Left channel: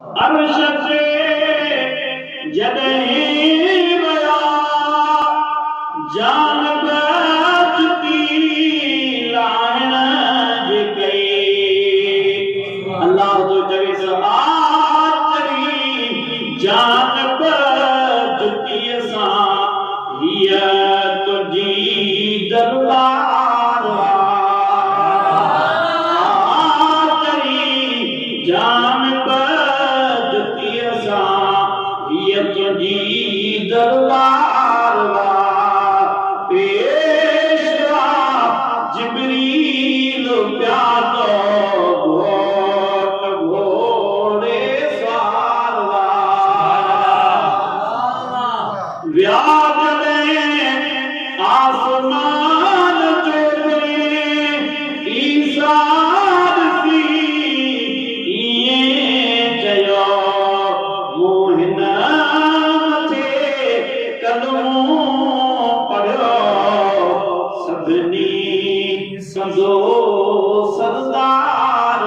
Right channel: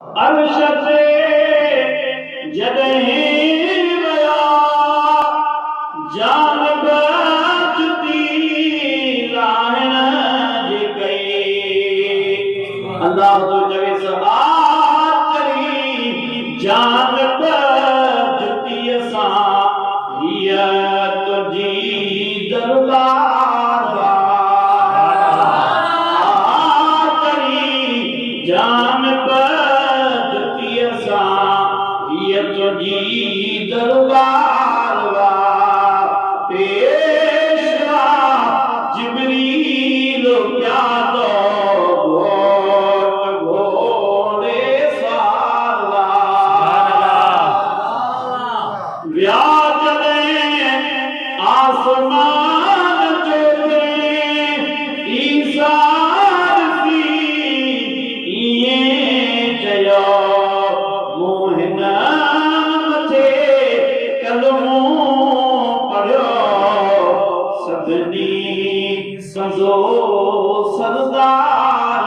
अर्श से जॾहिं वया जान बचती लाहिण जे कई अल्लाह तो चवे आचरी जान बचती सां हीअ तुंहिंजी दरबार आचरी जान तुझी दरबार पेशवा जिब्रील प्यादो घोड़े सवार व्याज आसमान ते ईसार सी इएं चयो मोहिन सजो सरदार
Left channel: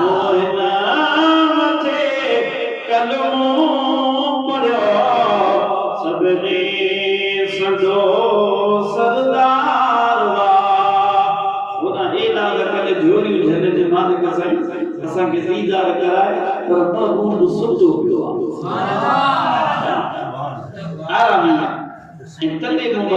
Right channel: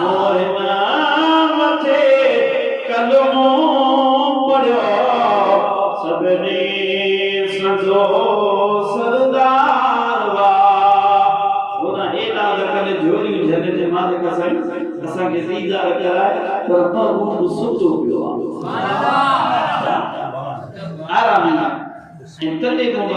मोहिन मथे कलमो पढ़ियो सभिनी सजो सरदार हुन एॾा कॾहिं जोड़ियूं झल जे मालिक साईं असांखे दीदार कराए पर महबूब सुतो पियो आहे आराम ऐं तॾहिं